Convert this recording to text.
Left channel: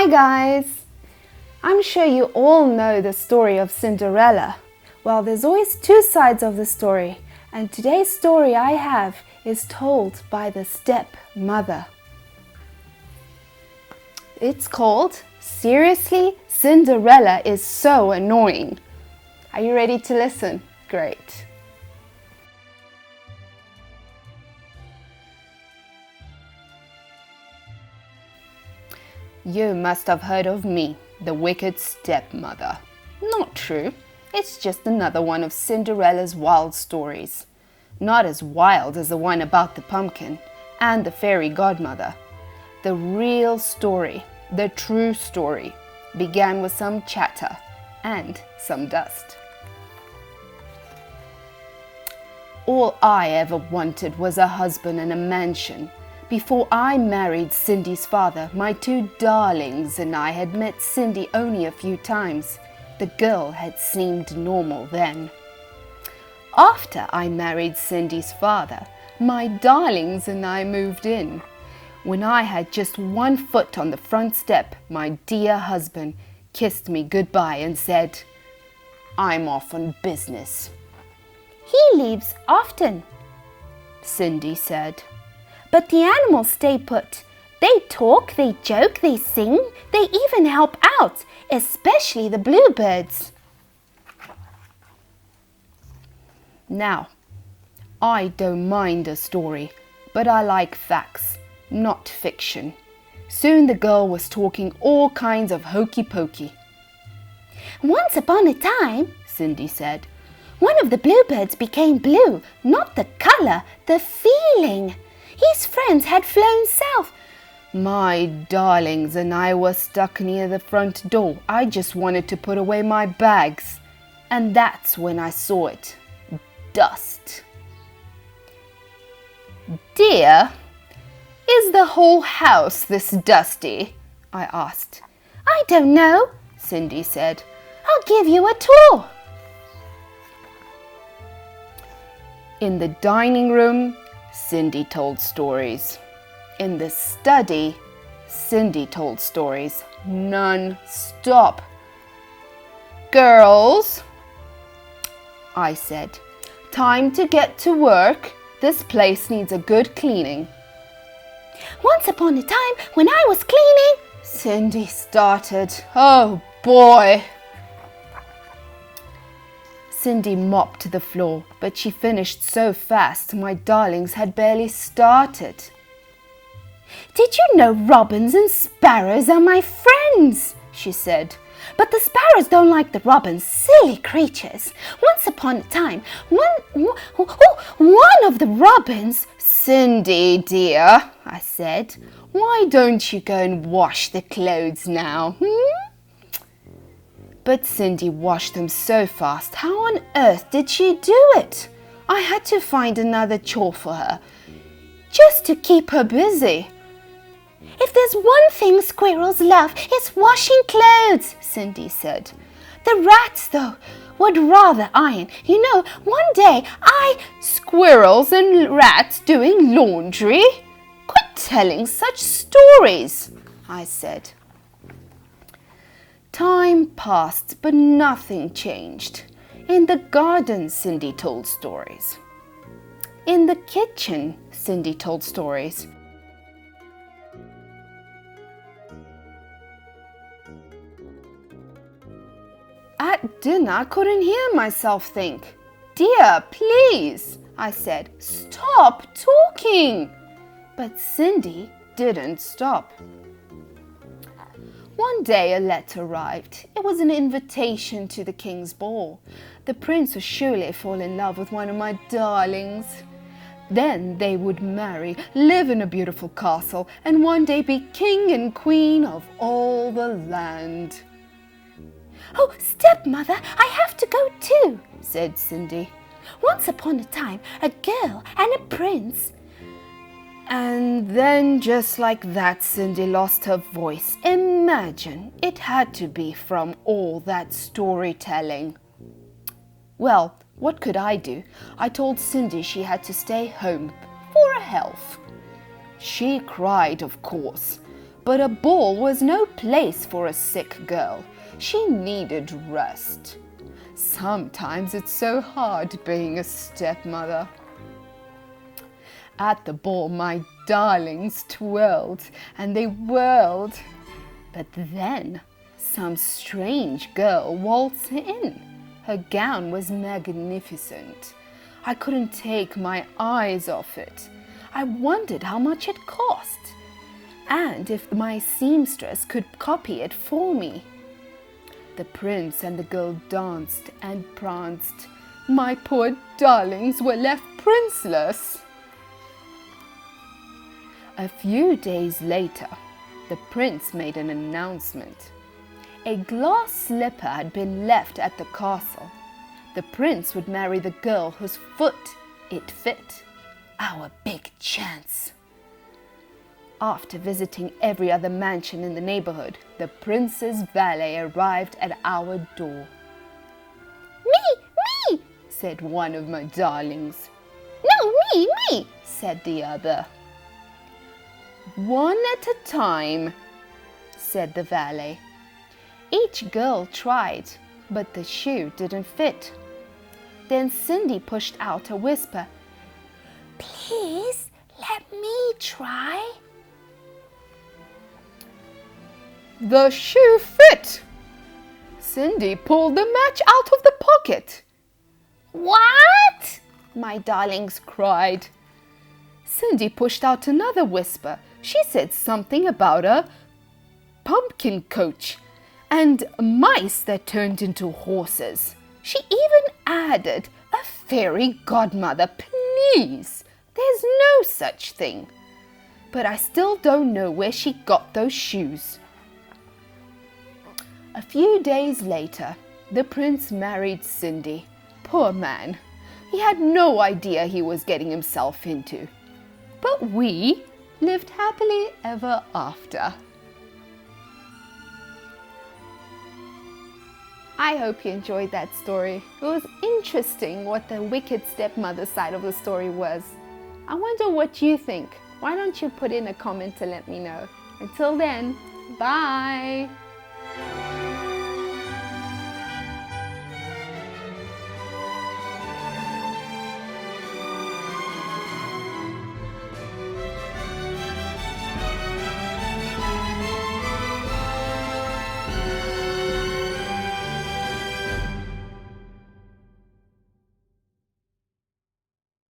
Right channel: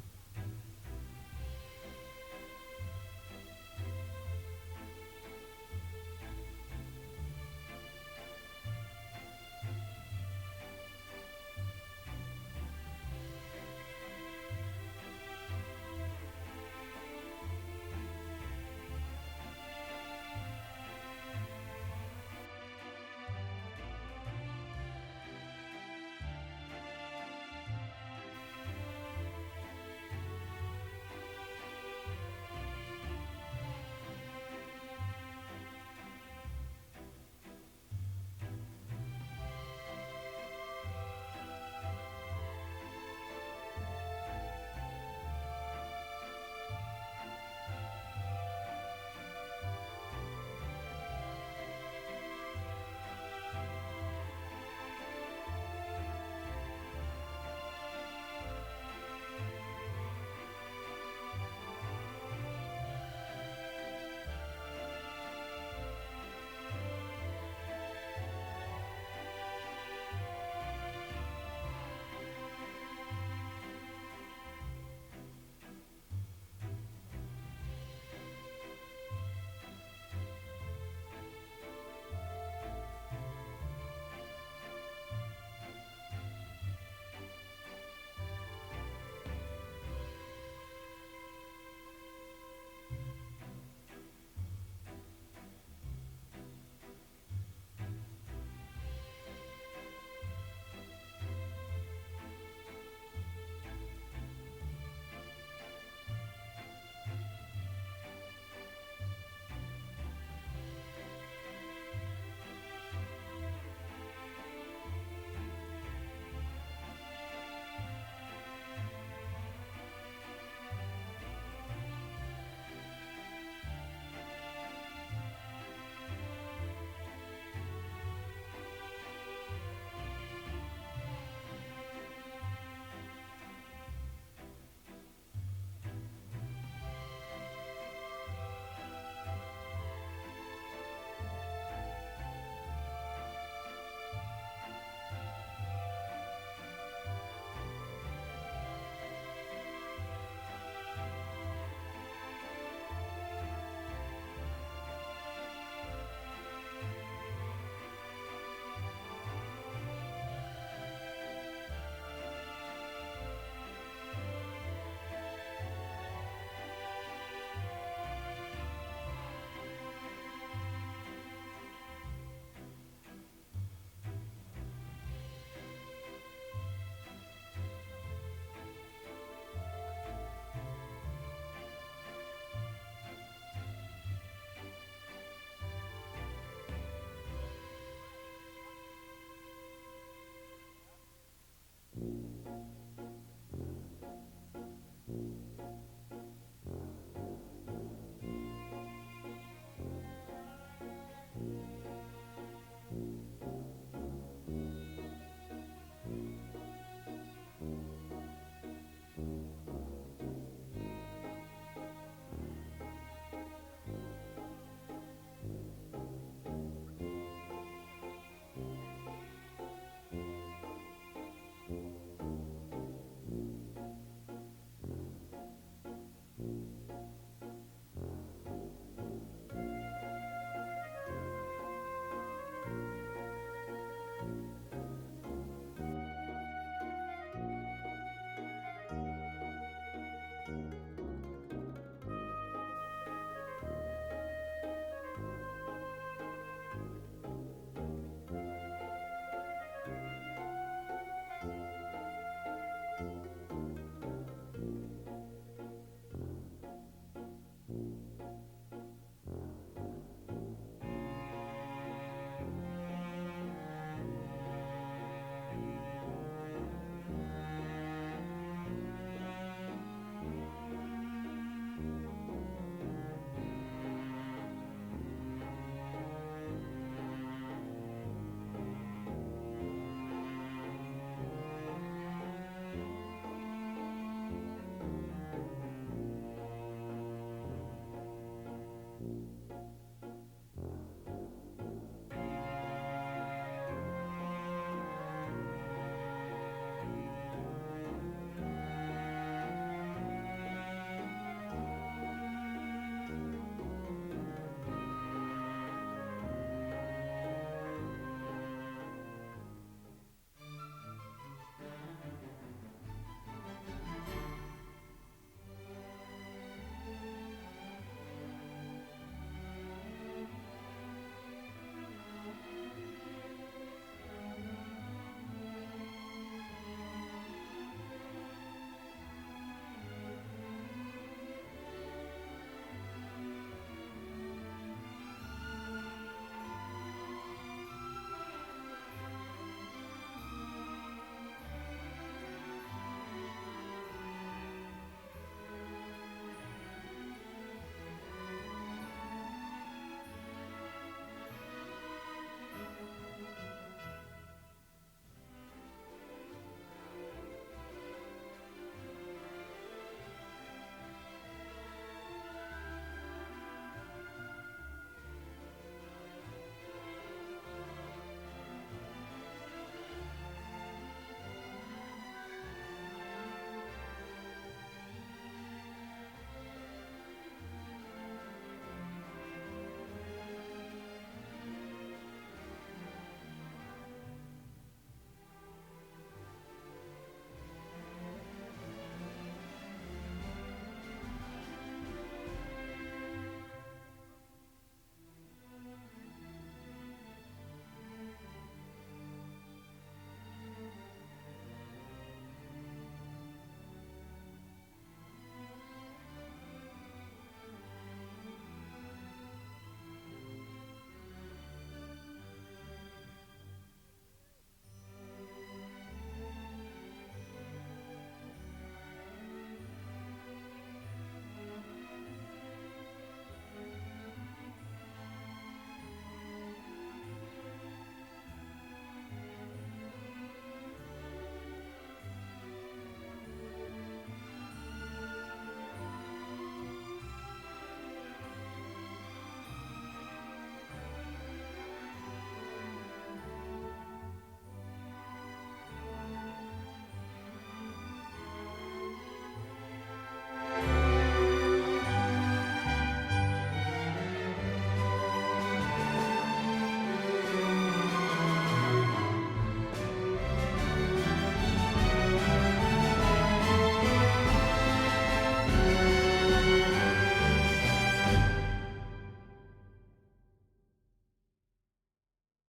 Hi guys! I'm sure you all know the story of Cinderella. Well, there's always two sides of the story, and today's story I have is told by the stepmother. It's called Seriously, Cinderella is So Annoying. Are you ready to listen? Great. You must have heard of me, the wicked stepmother. Not true. It's just another one of Cinderella's wild stories. Not as wild as the one about the pumpkin and the fairy godmother. The real story, the true story, began with some chatter and some dust. All I ever wanted was a husband and a mansion. Before I married Cindy's father, my two darlings and I had met Cindy only a few times. The girl had seemed normal then. After I married Cindy's father, my darlings and I moved in. When I had just one foot on the front step, my dear husband kissed me goodbye and said, "I'm off on business." "He leaves often," Cindy said. "but the animals stay put. They talk, they joke, they sing, they even help out, especially the bluebirds." Now, I don't mind a story, but I like facts, not fiction. Soon the girl was talking all kinds of hokey pokey. "Once upon a time," Cindy said, "one of the bluebirds became blue, not the color, the feeling. His friends had flown south. My darlings and I were stuck near the front door. I just wanted to put away my bags. And that's when I saw it. Dust." "Dear, is the whole house this dusty?" I asked. "I don't know," Cindy said. "I'll give you a tour." In the dining room, Cindy told stories. In the study, Cindy told stories non-stop. "Girls," I said, "time to get to work. This place needs a good cleaning." "Once upon a time, when I was cleaning," Cindy started. Oh boy! Cindy mopped the floor, but she finished so fast my darlings had barely started. "Did you know robins and sparrows are my friends?" she said. "But the sparrows don't like the robins, silly creatures. Once upon a time, one of the robins—" "Cindy, dear," I said, "why don't you go and wash the clothes now, But Cindy washed them so fast. How on earth did she do it? I had to find another chore for her, just to keep her busy. "If there's one thing squirrels love, it's washing clothes," Cindy said. "The rats, though, would rather iron. You know, one day Squirrels and rats doing laundry? Quit telling such stories," I said. Time passed, but nothing changed. In the garden, Cindy told stories. In the kitchen, Cindy told stories. At dinner, I couldn't hear myself think. "Dear, please," I said, "stop talking." But Cindy didn't stop. One day a letter arrived. It was an invitation to the king's ball. The prince would surely fall in love with one of my darlings. Then they would marry, live in a beautiful castle, and one day be king and queen of all the land. "Oh, stepmother, I have to go too," said Cindy. "Once upon a time, a girl and a prince—" And then, just like that, Cindy lost her voice. Imagine, it had to be from all that storytelling. Well, what could I do? I told Cindy she had to stay home for her health. She cried, of course, But a ball was no place for a sick girl. She needed rest. Sometimes it's so hard being a stepmother. At the ball, my darlings twirled and they whirled. But then some strange girl waltzed in. Her gown was magnificent. I couldn't take my eyes off it. I wondered how much it cost, and if my seamstress could copy it for me. The prince and the girl danced and pranced. My poor darlings were left princeless. A few days later, the prince made an announcement. A glass slipper had been left at the castle. The prince would marry the girl whose foot it fit. Our big chance. After visiting every other mansion in the neighborhood, the prince's valet arrived at our door. Me, said one of my darlings. No, me, said the other. One at a time, said the valet. Each girl tried, but the shoe didn't fit. Then Cindy pushed out a whisper. Please, let me try. The shoe fit. Cindy pulled the match out of the pocket. What? My darlings cried. Cindy pushed out another whisper. She said something about a pumpkin coach and mice that turned into horses. She even added a fairy godmother. Please, there's no such thing. But I still don't know where she got those shoes. A few days later, the prince married Cindy. Poor man, he had no idea he was getting himself into. But we lived happily ever after. I hope you enjoyed that story. It was interesting what the wicked stepmother side of the story was. I wonder what you think. Why don't you put in a comment to let me know? Until then, bye!